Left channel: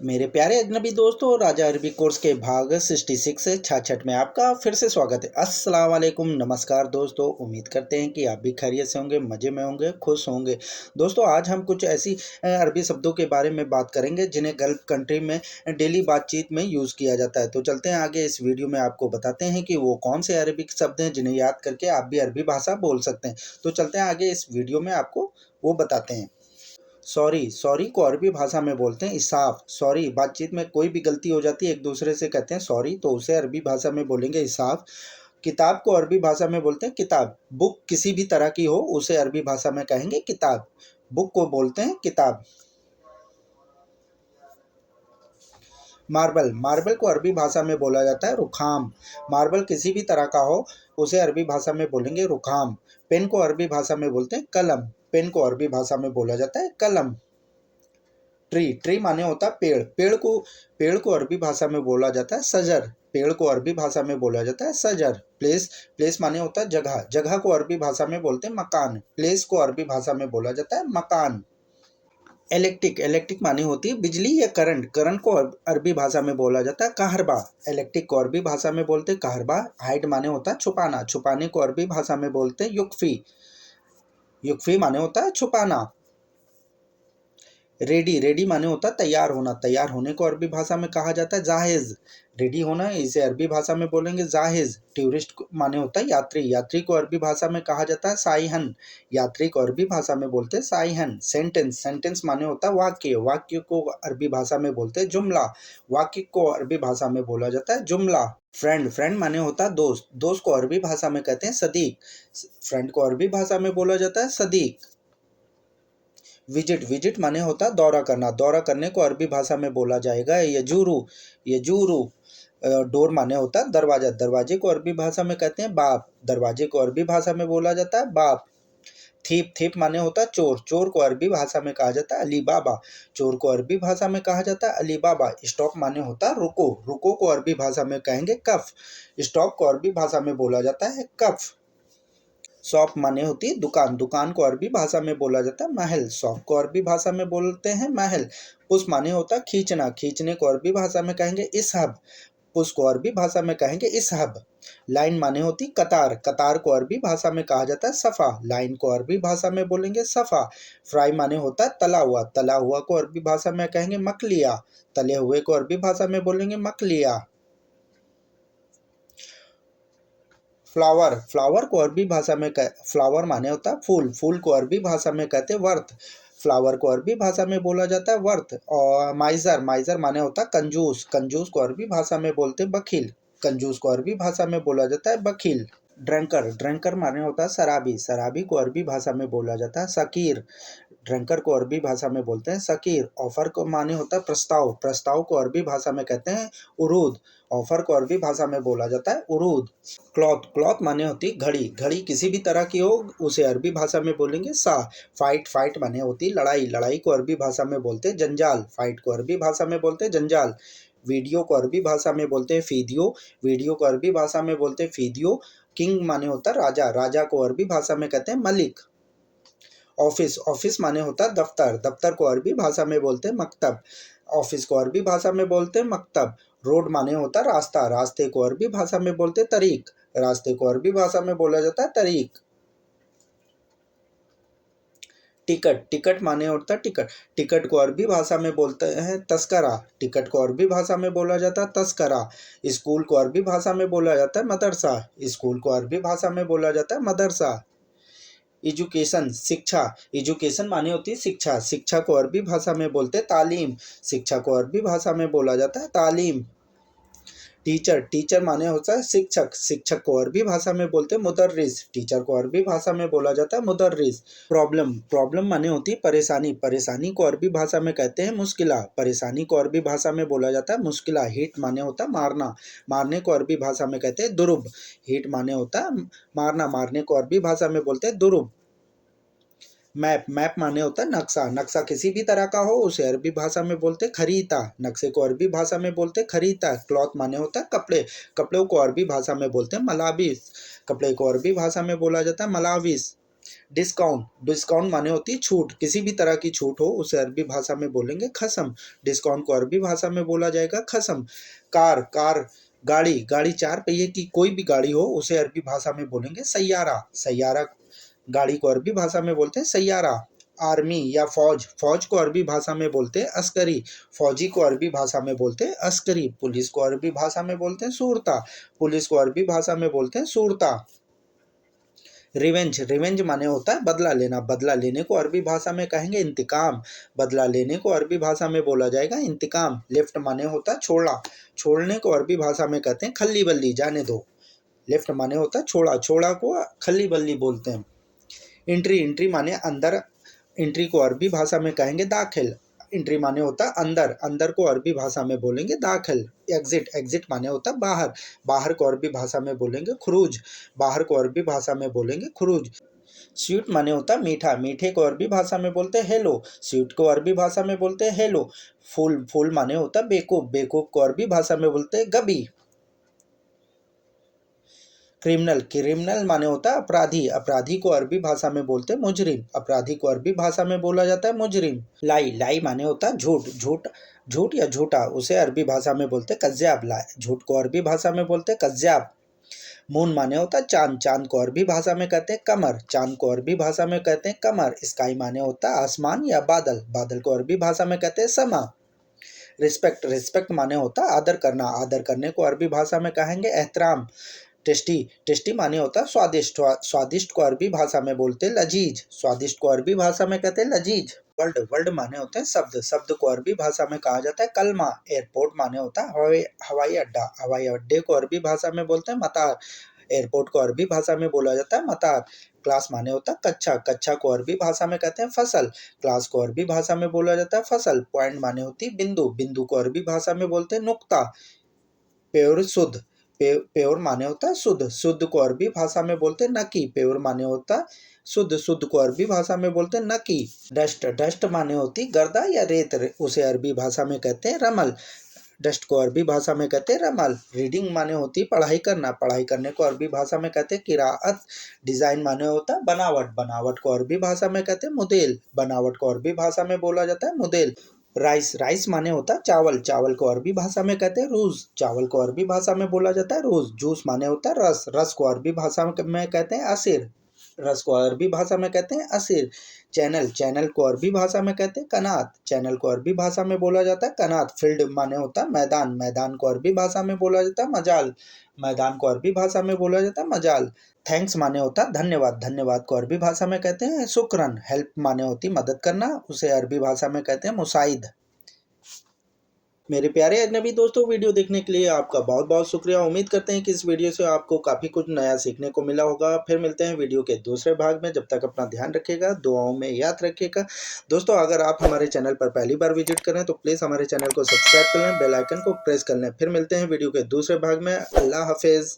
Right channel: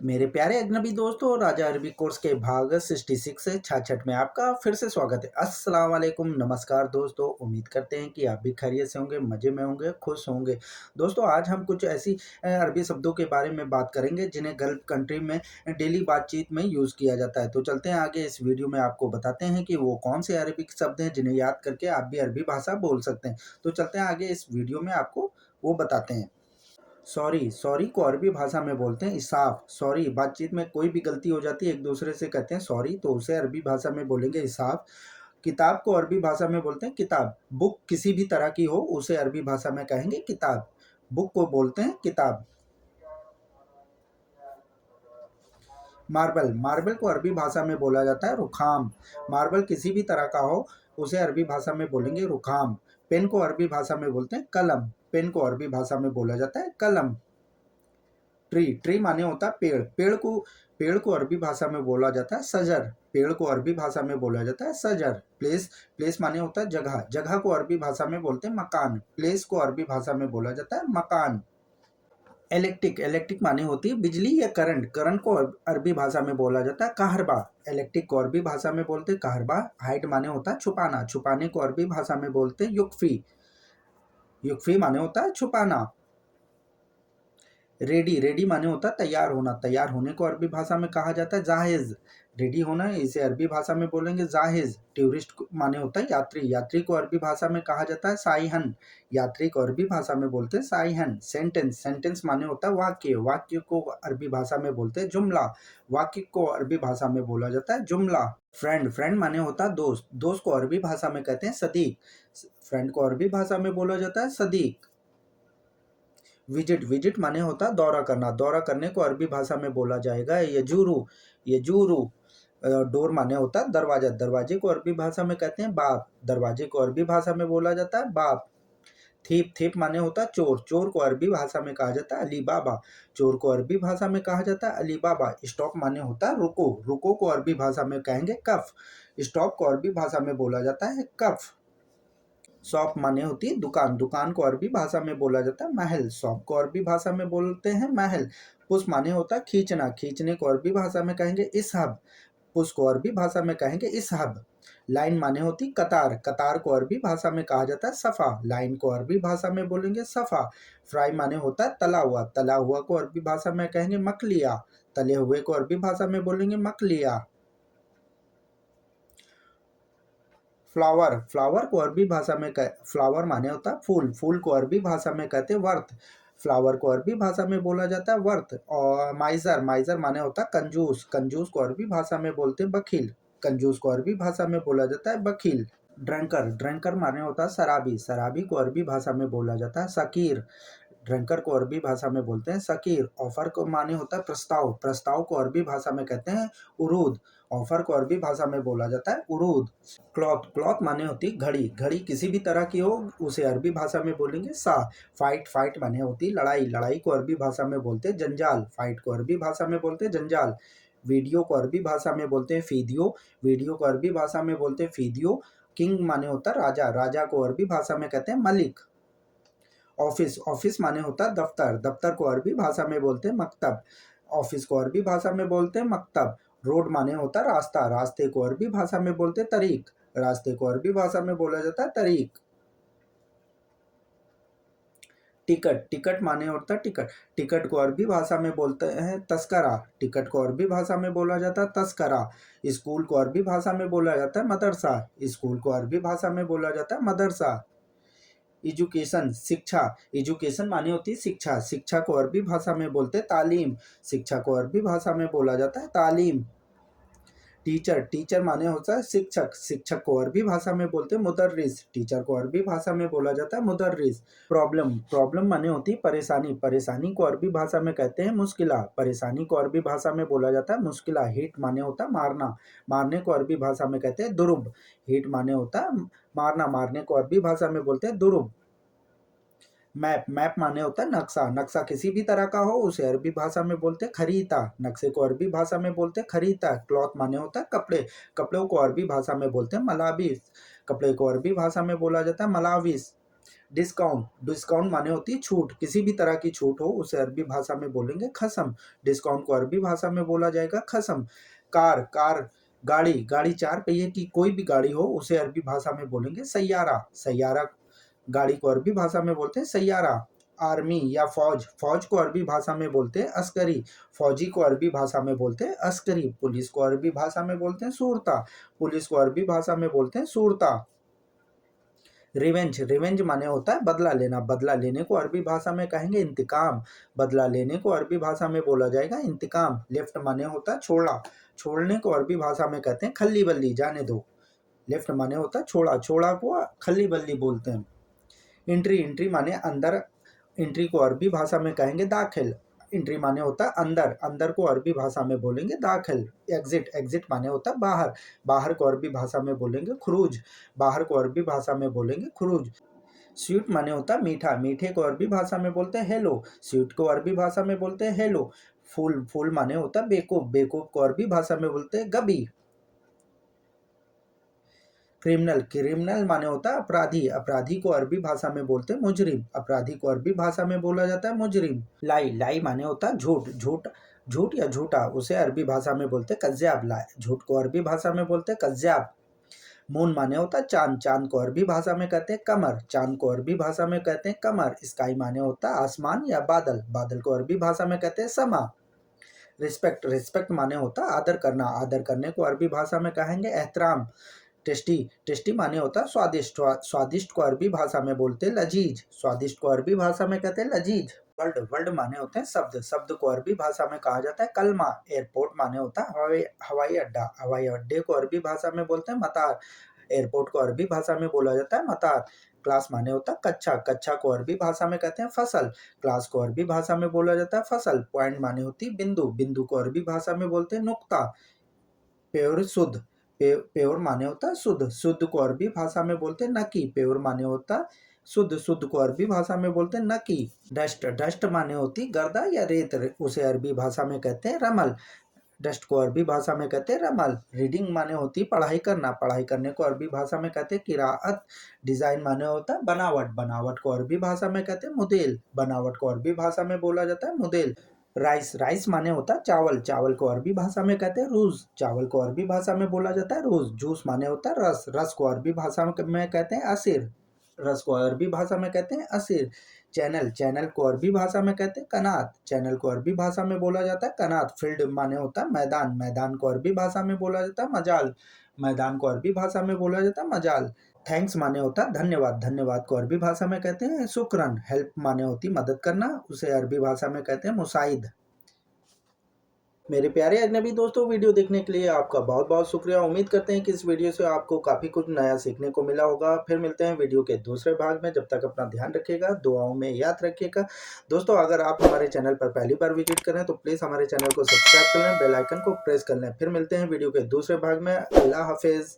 मेरे प्यारे अजनबी दोस्तों, राजा अरबी कोर्स के भाग 66 से 66 में आपका फिर से स्वागत है। अस्सलाम वालेकुम, नमस्कार दोस्तों। उम्मीद करते हैं कि आप भी खैरियत से होंगे, मज़े में होंगे, खुश होंगे। दोस्तों, आज हम कुछ ऐसी अरबी शब्दों के बारे में बात करेंगे जिन्हें गल्फ कंट्री में डेली बातचीत में यूज़ किया जाता है। तो चलते हैं आगे, इस वीडियो में आपको बताते हैं कि वो कौन से अरबिक शब्द हैं जिन्हें याद करके आप भी अरबी भाषा बोल सकते हैं। तो चलते हैं आगे, इस वीडियो में आपको वो बताते हैं। सॉरी, सॉरी को अरबी भाषा में बोलते हैं इसाफ़। सॉरी, बातचीत में कोई भी गलती हो जाती है, एक दूसरे से कहते हैं सॉरी, तो उसे अरबी भाषा में बोलेंगे इसाफ़। किताब को अरबी भाषा में बोलते हैं किताब। बुक किसी भी तरह की हो, उसे अरबी भाषा में कहेंगे किताब। बुक को बोलते हैं किताब। मार्बल, मार्बल को अरबी भाषा में बोला जाता है रुखाम। मार्बल किसी भी तरह का हो, उसे अरबी भाषा में बोलेंगे रुखाम। पेन को अरबी भाषा में बोलते हैं कलम। पेन को अरबी भाषा में बोला जाता है कलम। ट्री, ट्री माने होता है पेड़। पेड़ को अरबी भाषा में बोला जाता है सजर। पेड़ को अरबी भाषा में बोला जाता है सजर। प्लेस, प्लेस माने होता है जगह। जगह को अरबी भाषा में बोलते हैं मकान। प्लेस को अरबी भाषा में बोला जाता है मकान। इलेक्ट्रिक, इलेक्ट्रिक माने होती है बिजली या करंट। करंट को अरबी भाषा में बोला जाता है कहरबा। इलेक्ट्रिक को अरबी भाषा में बोलते हैं कहरबा। हाइड माने होता है छुपाना। छुपाने को अरबी भाषा में बोलते हैं युक्फी। युक्फी माने होता है छुपाना। रेडी, रेडी माने होता है तैयार होना। तैयार होने को अरबी भाषा में कहा जाता है जाहिज़। रेडी होना, इसे अरबी भाषा में बोलेंगे जाहिज़। टूरिस्ट माने होता है यात्री। यात्री को अरबी भाषा में कहा जाता है साइहन। यात्री को अरबी भाषा में बोलते हैं साइहन। सेंटेंस, सेंटेंस माने होता है वाक्य। वाक्य को अरबी भाषा में बोलते हैं जुमला। वाक्य को अरबी भाषा में बोला जाता है जुमला। फ्रेंड, फ्रेंड माने होता है दोस्त। दोस्त को अरबी भाषा में कहते हैं सदीक। फ्रेंड को अरबी भाषा में बोला जाता है सदीक। विजिट, विजिट माने होता है दौरा करना। दौरा करने को अरबी भाषा में बोला जाएगा यजूरू। यजूरू। डोर माने होता है दरवाजा। दरवाजे को अरबी भाषा में कहते हैं बाब। दरवाजे को अरबी भाषा में बोला जाता है बाब। थीप, थीप माने होता है चोर। चोर को अरबी भाषा में कहा जाता है अली बाबा। चोर को अरबी भाषा में कहा जाता है अली बाबा। स्टॉप माने होता है रुको। रुको को अरबी भाषा में कहेंगे कफ। स्टॉप को अरबी भाषा में बोला जाता है कफ। शॉप माने होती है दुकान। दुकान को अरबी भाषा में बोला जाता है महल। शॉप को अरबी भाषा में बोलते हैं महल। पुश माने होता है खींचना। खींचने को अरबी भाषा में कहेंगे इसहब। पुश को अरबी भाषा में कहेंगे इसहब। लाइन माने होती कतार। कतार को अरबी भाषा में कहा जाता है सफ़ा। लाइन को अरबी भाषा में बोलेंगे सफ़ा। फ्राई माने होता है तला हुआ। तला हुआ को अरबी भाषा में कहेंगे मकलिया। तले हुए को अरबी भाषा में बोलेंगे मकलिया। फ्लावर, फ्लावर को अरबी भाषा में फ्लावर माने होता है फूल। फूल को अरबी भाषा में कहते हैं वर्थ। फ्लावर को अरबी भाषा में बोला जाता है वर्थ। और माइजर, माइजर माने होता है कंजूस। कंजूस को अरबी भाषा में बोलते हैं बखील। कंजूस को अरबी भाषा में बोला जाता है बखील। ड्रंकर, ड्रंकर माने होता है शराबी। शराबी को अरबी भाषा में बोला जाता है सकीर। ड्रंकर को अरबी भाषा में बोलते हैं सकीर। ऑफर को माने होता है प्रस्ताव। प्रस्ताव को अरबी भाषा में कहते हैं उरूद। ऑफर को अरबी भाषा में बोला जाता है उरूद। क्लॉथ, क्लॉथ माने होती घड़ी। घड़ी किसी भी तरह की हो, उसे अरबी भाषा में बोलेंगे सा। फाइट, फाइट माने होती लड़ाई। लड़ाई को अरबी भाषा में बोलते हैं जंजाल। फाइट को अरबी भाषा में बोलते हैं जंजाल। वीडियो को अरबी भाषा में बोलते हैं फीदियो। वीडियो को अरबी भाषा में बोलते हैं फीदियो। किंग माने होता है राजा। राजा को अरबी भाषा में कहते हैं मलिक। ऑफिस, ऑफिस माने होता है दफ्तर। दफ्तर को अरबी भाषा में बोलते हैं मकतब। ऑफिस को अरबी भाषा में बोलते हैं मकतब। रोड माने होता है रास्ता। रास्ते को अरबी भाषा में बोलते हैं तरीक। रास्ते को अरबी भाषा में बोला जाता है तरीक। टिकट, टिकट माने होता है टिकट। टिकट को अरबी भाषा में बोलते हैं तस्करा। टिकट को अरबी भाषा में बोला जाता है तस्करा। स्कूल को अरबी भाषा में बोला जाता है मदरसा। स्कूल को अरबी भाषा में बोला जाता है मदरसा। एजुकेशन, शिक्षा। एजुकेशन माने होती है शिक्षा। शिक्षा को अरबी भाषा में बोलते हैं तालीम। शिक्षा को अरबी भाषा में बोला जाता है तालीम। टीचर, टीचर माने होता है शिक्षक। शिक्षक को अरबी भाषा में बोलते हैं मुदर्रिस। टीचर को अरबी भाषा में बोला जाता है मुदर्रिस। प्रॉब्लम, प्रॉब्लम माने होती है परेशानी। परेशानी को अरबी भाषा में कहते हैं मुश्किला। परेशानी को अरबी भाषा में बोला जाता है मुश्किला। हिट माने होता है मारना। मारने को अरबी भाषा में कहते हैं दुरुब। हिट माने होता है मारना। मारने को अरबी भाषा में बोलते हैं दुरुब। मैप, मैप माने होता है नक्शा। नक्शा किसी भी तरह का हो, उसे अरबी भाषा में बोलते हैं खरीता। नक्शे को अरबी भाषा में बोलते हैं खरीता। क्लॉथ माने होता है कपड़े। कपड़ों को अरबी भाषा में बोलते हैं मलाबिस। कपड़े को अरबी भाषा में बोला जाता है मलाविस। डिस्काउंट, डिस्काउंट माने होती है छूट, किसी भी तरह की छूट हो उसे अरबी भाषा में बोलेंगे खसम। डिस्काउंट को अरबी भाषा में बोला जाएगा खसम। कार, कार गाड़ी, गाड़ी चार पहिए की कोई भी गाड़ी हो उसे अरबी भाषा में बोलेंगे सैयारा। सैयारा गाड़ी को अरबी भाषा में बोलते हैं सैयारा। आर्मी या फौज, फौज को अरबी भाषा में बोलते हैं अस्करी। फौजी को अरबी भाषा में बोलते हैं अस्करी। पुलिस को अरबी भाषा में बोलते हैं सूरता। पुलिस को अरबी भाषा में बोलते हैं सूरता। रिवेंज, रिवेंज माने होता है बदला लेना। बदला लेने को अरबी भाषा में कहेंगे इंतकाम। बदला लेने को अरबी भाषा में बोला जाएगा इंतकाम। लेफ्ट माने होता है छोड़ा। छोड़ने को अरबी भाषा में कहते हैं खल्ली बल्ली, जाने दो। लेफ्ट माने होता है छोड़ा, छोड़ा को खल्ली बल्ली बोलते हैं। एंट्री, एंट्री माने अंदर। एंट्री को अरबी भाषा में कहेंगे दाखिल। एंट्री माने होता है अंदर, अंदर को अरबी भाषा में बोलेंगे दाखिल। एग्जिट, एग्जिट माने होता है बाहर। बाहर को अरबी भाषा में बोलेंगे खुरूज। बाहर को अरबी भाषा में बोलेंगे खुरूज। स्वीट माने होता है मीठा। मीठे को अरबी भाषा में बोलते हैं हेलो। स्वीट को अरबी भाषा में बोलते हैं हेलो। फूल, फूल माने होता है बेवकूफ। बेवकूफ को अरबी भाषा में बोलते हैं गबी। क्रिमिनल, क्रिमिनल माने होता है अपराधी। अपराधी को अरबी भाषा में बोलते हैं मुजरिम। अपराधी को अरबी भाषा में बोला जाता है मुजरिम। लाई, लाई माने होता है झूठ। झूठ, झूठ या झूठा उसे अरबी भाषा में बोलते हैं कज्जाब। लाई, झूठ को अरबी भाषा में बोलते हैं कज्जाब। मून माने होता है चांद। चांद को अरबी भाषा में कहते हैं कमर। चांद को अरबी भाषा में कहते हैं कमर। स्काई माने होता है आसमान या बादल। बादल को अरबी भाषा में कहते हैं समा। रिस्पेक्ट, रिस्पेक्ट माने होता है आदर करना। आदर करने को अरबी भाषा में कहेंगे एहतराम। टेस्टी, टेस्टी माने होता है स्वादिष्ट। स्वादिष्ट को अरबी भाषा में बोलते हैं लजीज। स्वादिष्ट को अरबी भाषा में कहते हैं लजीज। वर्ल्ड, वर्ल्ड माने होते हैं शब्द। शब्द को अरबी भाषा में कहा जाता है कलमा। एयरपोर्ट माने होता है हवाई अड्डा। हवाई अड्डे को अरबी भाषा में बोलते हैं मतार। एयरपोर्ट को अरबी भाषा में बोला जाता है मतार। क्लास माने होता है कक्षा। कक्षा को अरबी भाषा में कहते हैं फसल। क्लास को अरबी भाषा में बोला जाता है फसल। पॉइंट माने होती है बिंदु। बिंदु को अरबी भाषा में बोलते हैं नुक्ता। प्योर, शुद्ध। प्योर माने होता है शुद्ध। शुद्ध को अरबी भाषा में बोलते हैं नकी। प्योर माने होता है शुद्ध। शुद्ध को अरबी भाषा में बोलते हैं नकी। डस्ट, डस्ट माने होती गर्दा या रेत। उसे अरबी भाषा में कहते हैं रमल। डस्ट को अरबी भाषा में कहते हैं रमल। रीडिंग माने होती पढ़ाई करना। पढ़ाई करने को अरबी भाषा में कहते हैं किराअत। डिजाइन माने होता है बनावट। बनावट को अरबी भाषा में कहते हैं मुदेल। बनावट को अरबी भाषा में बोला जाता है मुदेल। राइस, राइस माने होता है चावल। चावल को अरबी भाषा में कहते हैं रूज। चावल को अरबी भाषा में बोला जाता है रूज। जूस माने होता है रस। रस को अरबी भाषा में कहते हैं असीर। रस को अरबी भाषा में कहते हैं असीर। चैनल, चैनल को अरबी भाषा में कहते हैं कनात। चैनल को अरबी भाषा में बोला जाता है कनात। फील्ड माने होता है मैदान। मैदान को अरबी भाषा में बोला जाता है मजाल। मैदान को अरबी भाषा में बोला जाता है मजाल। थैंक्स माने होता है धन्यवाद। धन्यवाद को अरबी भाषा में कहते हैं शुक्रन। हेल्प माने होती मदद करना। उसे अरबी भाषा में कहते हैं मुसाइद। मेरे प्यारे अजनबी दोस्तों, वीडियो देखने के लिए आपका बहुत बहुत शुक्रिया। उम्मीद करते हैं कि इस वीडियो से आपको काफ़ी कुछ नया सीखने को मिला होगा। फिर मिलते हैं वीडियो के दूसरे भाग में। जब तक अपना ध्यान रखिएगा, दुआओं में याद रखिएगा। दोस्तों, अगर आप हमारे चैनल पर पहली बार विजिट करें तो प्लीज़ हमारे चैनल को सब्सक्राइब कर लें, बेल आइकन को प्रेस कर लें। फिर मिलते हैं वीडियो के दूसरे भाग में। अल्लाह हाफिज़।